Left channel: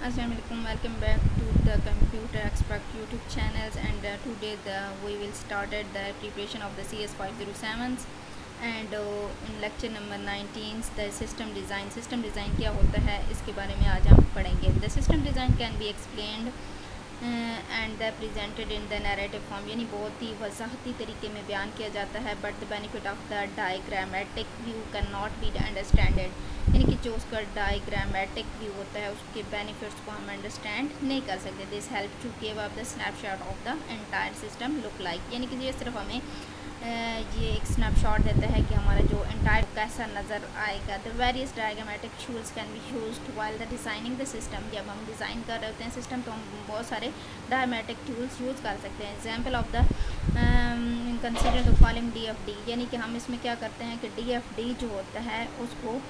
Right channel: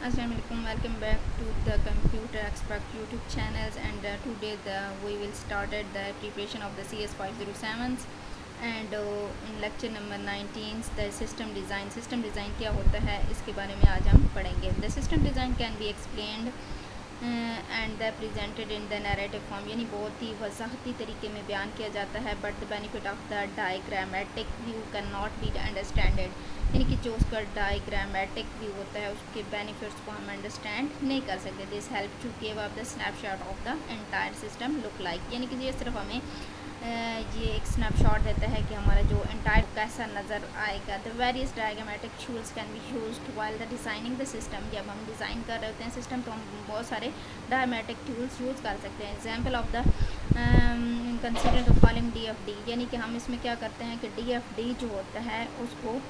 Assalamu alaikum, welcome back to the Computer Expert YouTube channels, and today we will started the preparation of the CS 507s and in lecture number 19 the system design क्या होता है इसके बारे में आज हम पढ़ेंगे. The system design can be explained and the presented in the narrative form, यानी बहुत ही वजाहती तरीके में बयान किया जाता है. But the benefit of the diagrammatic view can not be understanded, यानी कि जो उसका डायग्रामेटिक व्यू होता है उसके बेनिफिट्स को हम अंडरस्टैंड नहीं कर सकते. This help to give up the snapshot of the entire system look like, यानी कि ये सिर्फ हमें ये एक स्नैपशॉट देता है कि हमारा जो एंटायर कैसा नज़र आएगा. The various diagrammatic tools can be used while the designing the system. जब हम डिज़ाइन कर रहे होते हैं सिस्टम तो हम बहुत सारे डायग्रामेटिक टूल्स यूज़ कर सकते हैं. Example of the consider the following DFD, यानी कि हम इसमें क्या करते हैं कि DFD जो होता है उसको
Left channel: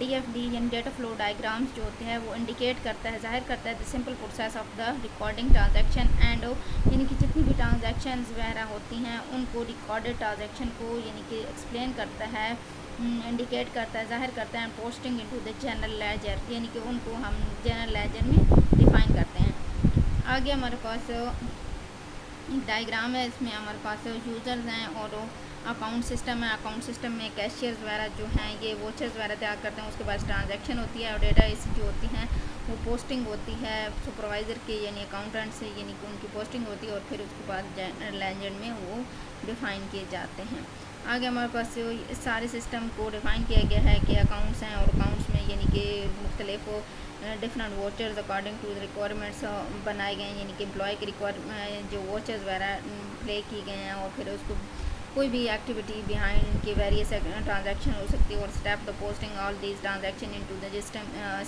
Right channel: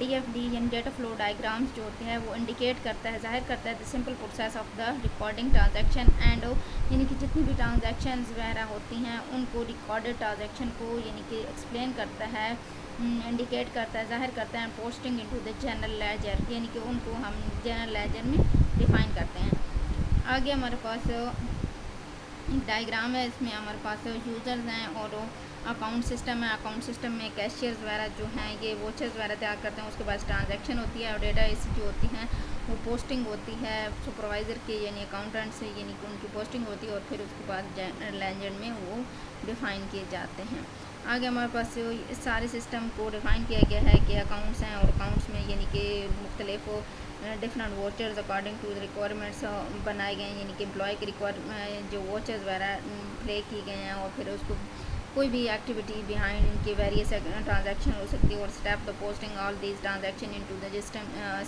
DFD यानी डेटा फ्लो डायग्राम्स जो होते हैं वो इंडिकेट करता है, जाहिर करता है the simple process of the recording transaction and, यानी कि जितनी भी ट्रांजैक्शंस वगैरह होती हैं उनको रिकॉर्डेड ट्रांजैक्शन को यानी कि एक्सप्लेन करता है, इंडिकेट करता है, जाहिर करता है. Posting into the general ledger, यानी कि उनको हम जनरल लेजर में डिफ़ाइन करते हैं. आगे हमारे पास एक डायग्राम है, इसमें हमारे पास यूज़र्स हैं और अकाउंट सिस्टम है. अकाउंट सिस्टम में कैशियर्स वगैरह जो हैं ये वोचर्स वगैरह तैयार करते हैं. उसके बाद ट्रांजैक्शन होती है और डेटा ऐसी जो होती हैं वो पोस्टिंग होती है सुपरवाइज़र के यानी अकाउंटेंट से, यानी कि उनकी पोस्टिंग होती है और फिर उसके बाद लेजर में वो डिफ़ाइन किए जाते हैं. आगे हमारे पास इस सारे सिस्टम को डिफ़ाइन किया गया है कि अकाउंट्स हैं और अकाउंट्स में यानी कि मुख्तलिफ different vouchers according to the requirements बनाए गए हैं, यानी कि एम्प्लॉय के रिक्वायर जो वोचर्स वगैरह प्ले की गए हैं और फिर उसको कोई भी एक्टिविटी बिहाइंड इनके वेरियस ट्रांजैक्शन हो सकती है. और step the posting all these transaction into the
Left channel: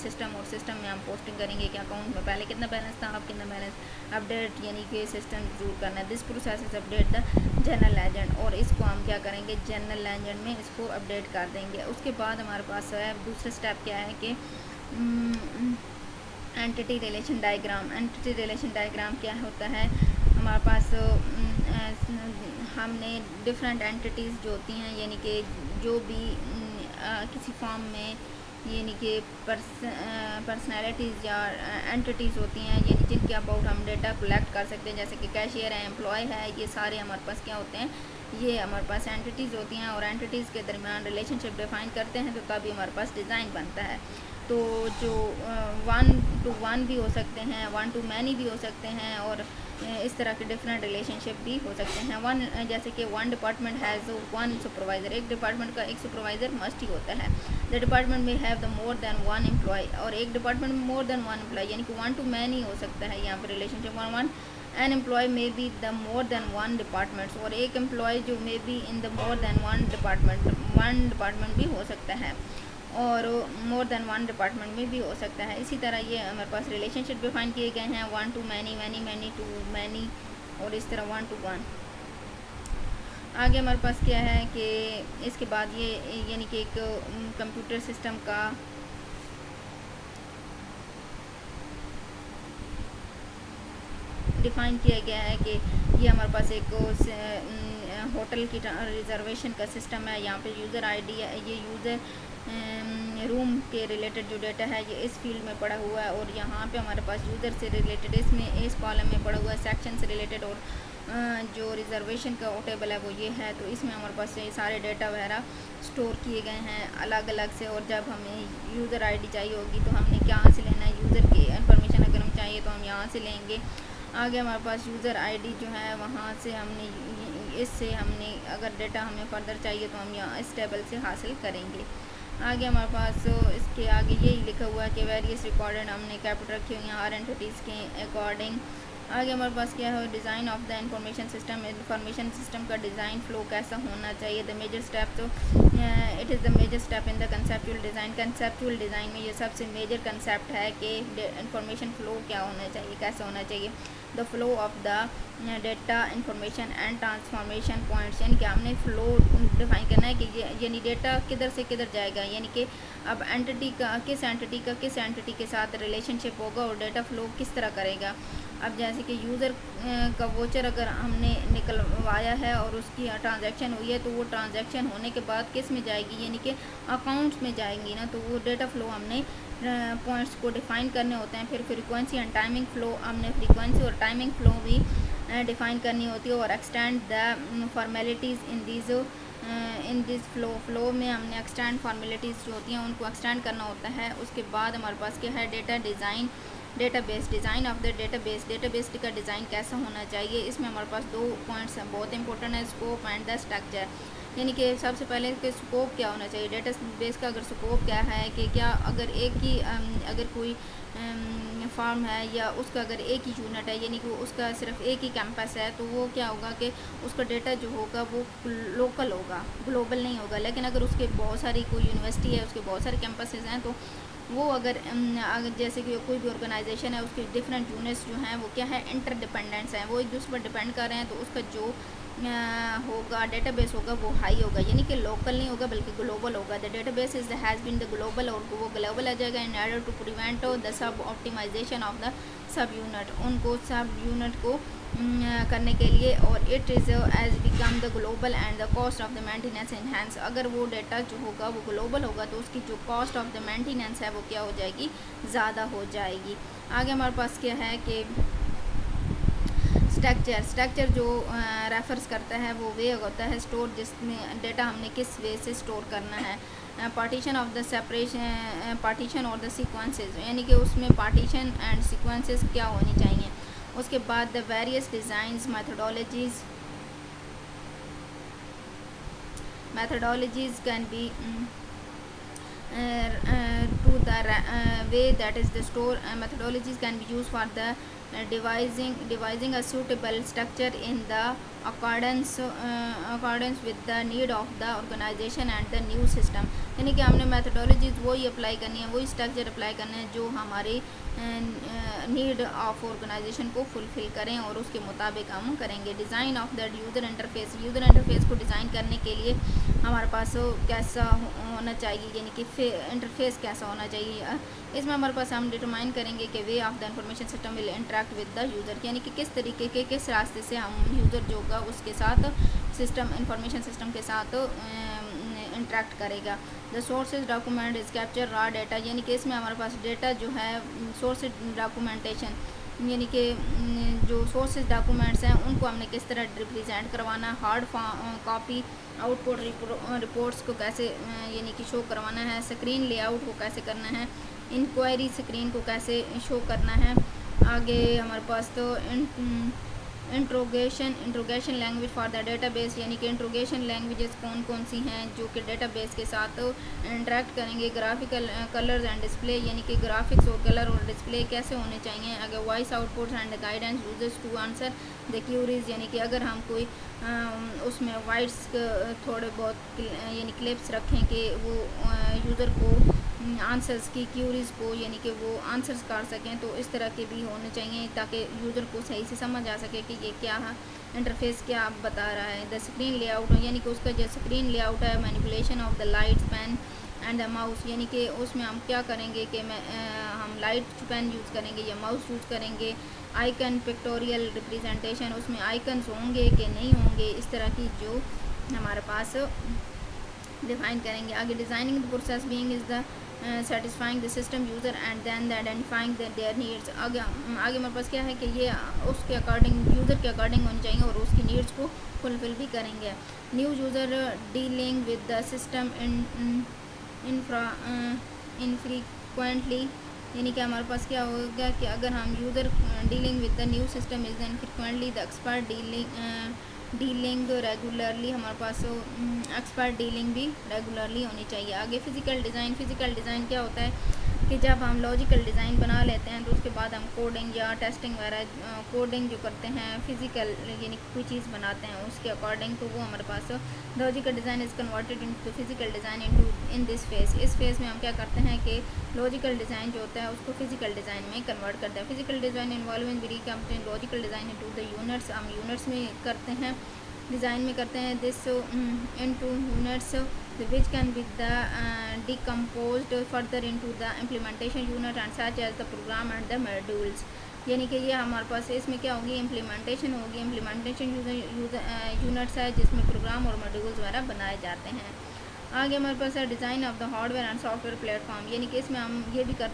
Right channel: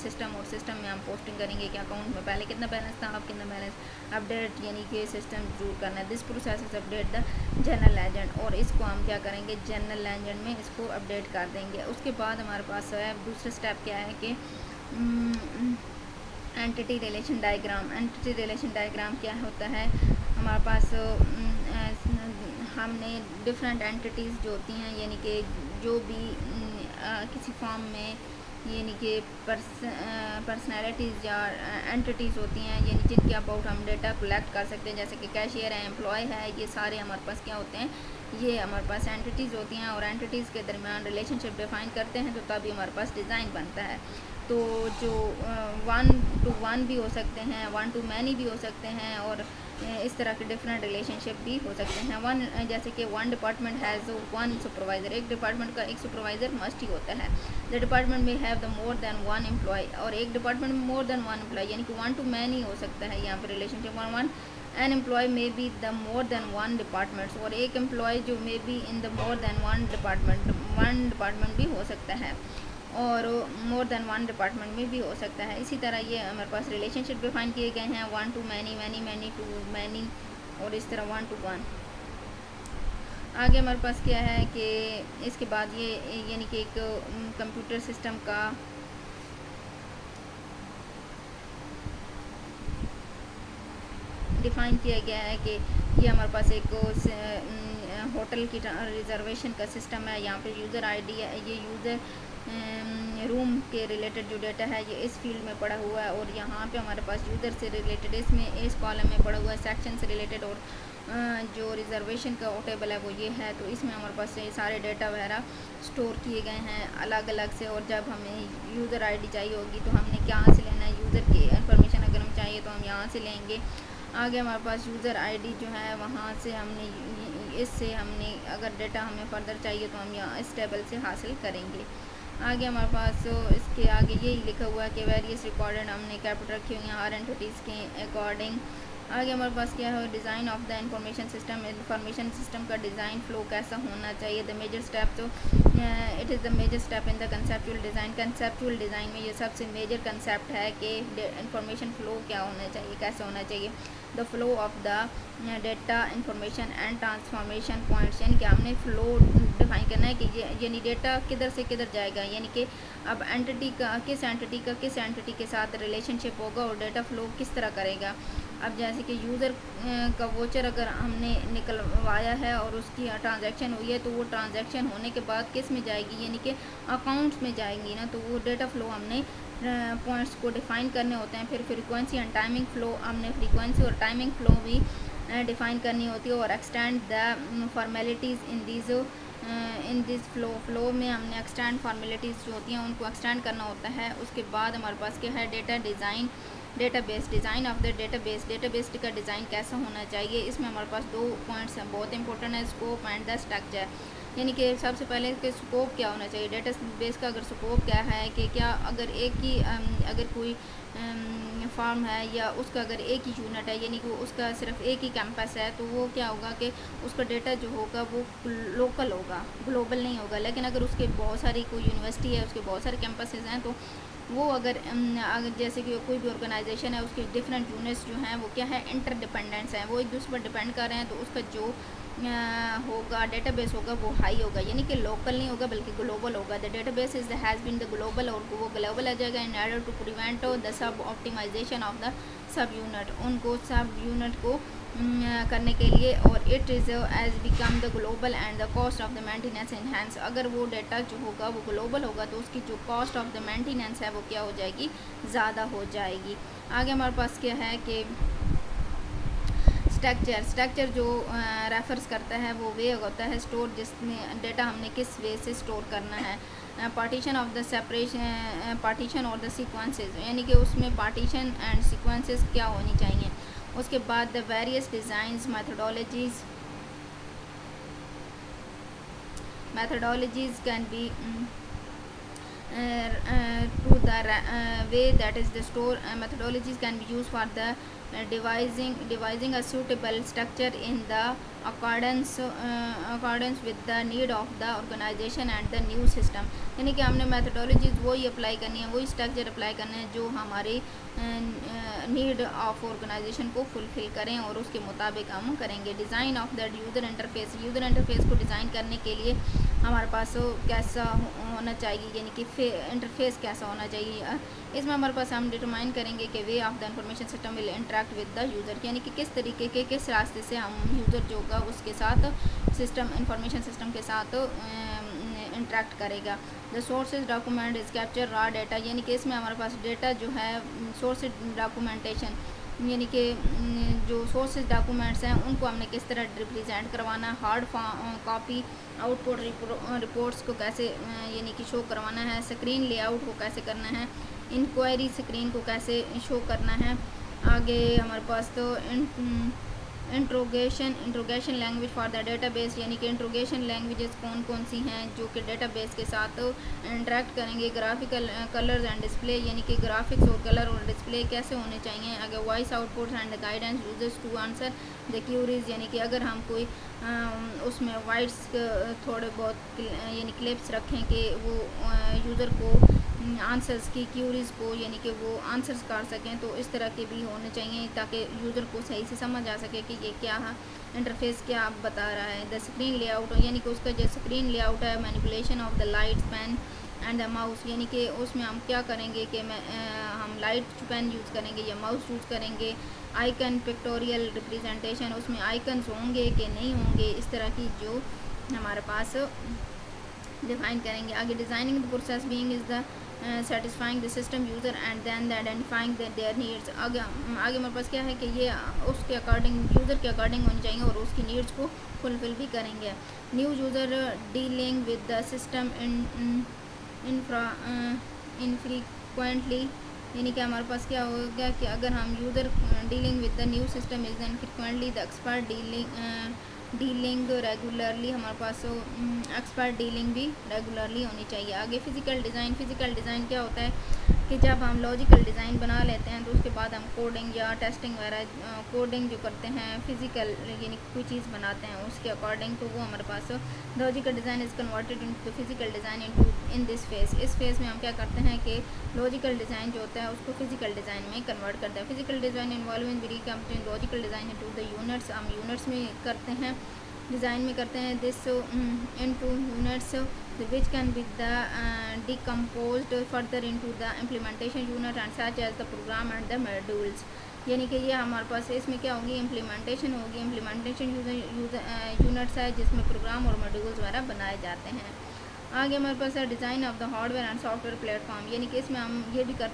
system, और सिस्टम में हम पोस्टिंग करेंगे कि अकाउंट में पहले कितना बैलेंस था, अब कितना बैलेंस, अपडेट यानी कि सिस्टम जरूर करना है. This process is update the general legend, और इसको हम क्या करेंगे जनरल लेजेंड में इसको अपडेट कर देंगे. उसके बाद हमारे पास है दूसरा स्टेप क्या है कि entity relation diagram. Entity relation diagram क्या होता है, हमारे पास हमने डिफरेंट एंटिटीज़ जो होती हैं यानी कि जो भी किसी फॉर्म में यानी कि पर्सनैलिटीज़ या एंटिटीज़ होती हैं यानी जिनके अबाउट हम डेटा कलेक्ट कर सकते हैं, जैसे कि कैशियर है, एम्प्लॉय है, ये सारे हमारे पास क्या होते हैं, ये हमारे पास एंटिटीज़ होती हैं. और एंटिटीज़ के दरमियान रिलेशनशिप डिफ़ाइन करते हैं तो तभी हमारे पास डिज़ाइन बनता है. तो जो 1 to 1 भी हो सकते हैं, 1 to many भी हो सकते हैं, और इस तरह के डिफरेंट रिलेशनशिप भी हो सकते हैं. वन जैसे कि one department has one supervisor, एक डिपार्टमेंट का एक सुपरवाइज़र मस्ट ही होता है. द डिपार्टमेंट में have the more than one employ, और एक डिपार्टमेंट में मोर देन वन एम्प्लॉय यानी कि 1 to many हो सकता है यहाँ पर relationship. One an employ may be the more than one departments, और एक एम्प्लॉय जो may be in the more than one department भी हो सकता है और मोर देन वन डिपार्टमेंट में भी हो सकता है. इसी तरह ये हमारे पास रिलेशनशिप डिफाइन किए गए हैं 1 to many, many to many, और इस तरह 1 to 1. आगे हमारे पास क्या है कि इसके बाद ये यानी कि एक कंप्यूटर सिस्टम का डिफ़ाइन किया गया है कि ये हमारे पास एक होटल की रिजर्वेशन का सिस्टम है. यहाँ पे यूज़र आईडी है, ये यूज़र रूम के रिलेटेड जो डेटा है ये इस फील्ड में पड़ा हुआ है, और यहाँ पे हमारे पास यूज़र से रिलेटेड इसमें इस कॉलम में पड़ा हुआ है, सेक्शन से रिलेटेड, और जो रिजर्वेशन का टेबल है वो ये है. तो इसमें हमारे पास ये सारे डेटा वगैरह स्टोर किए गए हैं अलग अलग से. और जब हमें यूज़र आईडी चाहिए होगी तो हमने कहाँ से लेना है, यूज़र की इन्फॉर्मेशन अगर हम चाहिए तो हम यहाँ से लेंगे. आगे हमारे पास यूज़र आईडी जो है वहाँ से हमने इससे हमने अगर डेटा हमें फर्दर चाहिए तो हम यहाँ इस टेबल से हासिल करेंगे. आगे हमारे पास इसके आगे यही लिखा हुआ है कि वेरियस रिकॉर्डेड हमने कैपिटल रखी हुई हैं हर एंटिटीज़ के अकॉर्डिंग. आगे हमारे पास क्या है design of the information system का डिज़ाइन फ़्लो कैसा होना चाहिए. द मेजर स्टेप, तो it is the major step in the conceptual design. Conceptual design में ये सबसे मेजर कंसेप्ट है कि इंफॉर्मेशन फ़्लो क्या होना चाहिए, कैसे होना चाहिए. The flow of the data information and transformation points, यानी कि हमने फ़्लो डिफाइन करना है कि यानी डेटा किधर से किधर जाएगा, यानी कि अब किस एंटिटी के साथ रिलेशनशिप होगा और डेटा फ़्लो किस तरह करेगा. अब जैसे जैसे कि यूज़र का वोचर अगर हमने निकलवाया है और उसकी ट्रांजैक्शन हुई है तो वो ट्रांजैक्शन होने के बाद किस में जाएगी, यानी कि अकाउंट्स में जाएंगी ना। तो वो डेटा फ़्लो हमने पॉइंट्स को डिफ़ाइन करने होते हैं। फिर फ्रीक्वेंसी एंड टाइमिंग फ़्लो, हमने फ्रीक्वेंसी और टाइमिंग फ़्लो भी डिफ़ाइन करनी होती है। और extend the formalities in this flow में हमने एक्सटेंड फॉर्मेलिटीज़ जो होती हैं उनको एक्सटेंड करना होता है। उसके बाद हमारे पास क्या है, data design, database, design of the database, database का डिज़ाइन कैसा होना चाहिए। इसमें हमारे पास 2 पॉइंट्स हैं, बहुत इंपॉर्टेंट है, स्कोप एंड द स्ट्रक्चर। यानी कि सबसे पहले कि स्कोप क्या होना चाहिए, डेटाबेस का अगर स्कोप क्या है कि क्या अगर एक ही अगर कोई फार्म है या उसका अगर एक ही यूनिट है, यानी कि उसका सिर्फ एक ही कैंपस है, तो वो क्या होगा कि उसका डेटा जो होगा वो लोकल होगा, ग्लोबल नहीं होगा। लेकिन अगर उसके बहुत सारी कोई यूनिवर्सिटी है, उसके बहुत सारे कैंपसेस हैं, तो वो अगर जैसे कि कोई भी ऑर्गेनाइजेशन है, उसके डिफरेंट यूनिट्स जो हैं वो क्या है, इंटरडिपेंडेंट्स हैं, वो एक दूसरे पर डिपेंड कर रहे हैं। तो उसका जो होगा डेटाबेस होगा वो हाई होगा, यानी कि लोकल नहीं होगा बल्कि ग्लोबल होगा। The database is has been the global, और वो ग्लोबल आ जाएगा in order to prevent the sub optimization of the sub unit, उनको सब यूनिट को करने के लिए। और it is as become the global and the cost of the maintenance enhance, अगर वो डाटा जो होगा वो ग्लोबल होगा तो उसकी जो कॉस्ट ऑफ द मेंटेनेंस है वो क्या हो जाएगी, ज़्यादा हो जाएगी। आगे हमारे पास क्या है कि स्ट्रक्चर जो रेफर्स करता है वो वे होता है स्टोर, जिसमें डेटा हमने किस वे से स्टोर करना है। Partition of the separation, partition और द सीक्वेंसेस, यानी कि उसमें पार्टीशन एंड सीक्वेंसेस क्या होनी चाहिए। उसके बाद the various designs, methodologies can be to the way that is the store methodologies can be used for the devising a suitable structure in the accordance with the need of the organization and the new system, यानी कि हमने methodologies वही apply करनी है, वही structure apply करना है जो हमारी नीड ऑफ ऑर्गेनाइजेशन को फुलफ़िल करें और उसके मुताबिक हम करेंगे। Design of the user interface को डिज़ाइन करने के लिए हमारे पास कैसा होना चाहिए, यानी कि इंटरफेस कैसा होना चाहिए। इसमें हमारे पास हम डिटरमाइन करेंगे कि way of the information system will interact with the user, यानी कि किस तरीके के किस रास्ते से हम यूज़र जो होगा उसके साथ इंफॉर्मेशन सिस्टम के साथ इंटरेक्ट करेगा। The sources document is capture raw data, यानी कि इसमें हमारे पास डेटा जो है सोर्स डॉक्यूमेंटेशन, यानी कि जो सोर्सेज डॉक्यूमेंट्स हैं उनको हमने किस तरह रिप्रेजेंट करवाना, हार्ड कॉपी आउटपुट रिपोर्ट्स को कैसे यानी कि शो करवाना है, स्क्रीन लेआउट को कैसे करना है, इंक्वायरी स्क्रीन को कैसे शो करना है। आगे हमारे पास तो interrogation language for the database, यानी कि इंट्रोगेशन लैंग्वेजेस कौन कौन सी हैं जो कि डेटाबेस के साथ इंटरेक्ट करेंगे। ग्राफिकल कलर्स एंड डिस्प्ले, यानी कि ग्राफिक्स और कलर और डिस्प्ले कैसे होने चाहिए। अगर voice outputs and guidance users to answer the queries, यानी कि अगर हम कोई उसमें वाइड्स थोड़े बहुत यानी क्लिप्स रखें कि वो यूज़र को आंसर्स की क्यूरीज़ को यानी कि वो आंसर्स कर सकें, तो इस तरह के भी होने चाहिए ताकि यूज़र को सही से समझ आ सके कि ये क्या है, इंटरफेस क्या बता रहा है। द स्क्रीन लेआउट, यानी कि उसका जो स्क्रीन लेआउट है, manipulation of the lights pen and the mouse, यानी कि उसमें हम क्या करेंगे कि हम लाइट पेन यूज़ करेंगे या माउस यूज़ करेंगे। आइकन पिक्टोरियल रिप्रेजेंटेशन, उसमें आइकन्स होंगे कि नहीं होंगे, इस तरह की जो हमारे पास डिफाइन करेंगे। आगे designing the process being is the satisfying the system user and then the identifying their needs. आगे मेरे पास क्या है कि ये उसके अकॉर्डिंग यूज़र के अकॉर्डिंग होनी चाहिए और उसकी नीड्स को फुलफ़िल भी करेंगे। New user dealing with the system infrequently, यानी कि हमारे पास क्या होगा कि अगर हम user dealing with the new system is infrequently the expert dealing regularly, हमारे पास एक्सपर्ट डीलिंग भी रेगुलरली होनी चाहिए। आगे फ़िज़िकल डिज़ाइन क्या होता है कि जब हम लॉजिकल डिज़ाइन बना लेते हैं तो उसके बाद हम कोडिंग या टेस्टिंग वगैरह कोडिंग जो करते हैं फ़िज़िकल यानी कोई चीज़ बनाते हैं उसके अकॉर्डिंग, तो वो हमारे पास logical design is converted into physical design in this phase. इस फेज़ में हम क्या करते हैं कि लॉजिकल डिज़ाइन जो होता है उसको फ़िज़िकल डिज़ाइन में कन्वर्ट करते हैं। Physical design involving recompetent logical design into the units, हम यूनिट्स में करते हैं, डिज़ाइन में करते हैं। This into units which can be decomposed further into the implementation unit and such as the program and the modules। यानी कि ये हमारे पास इसमें क्या होगी, इम्प्लीमेंटेशन होगी। इम्प्लीमेंटेशन यूनिट्स है जिसमें प्रोग्राम और मॉड्यूल्स वगैरह बनाए जाते हैं। आगे हमारे पास है design of the hardware and software platform, यानी कि इसमें हम ये भी करते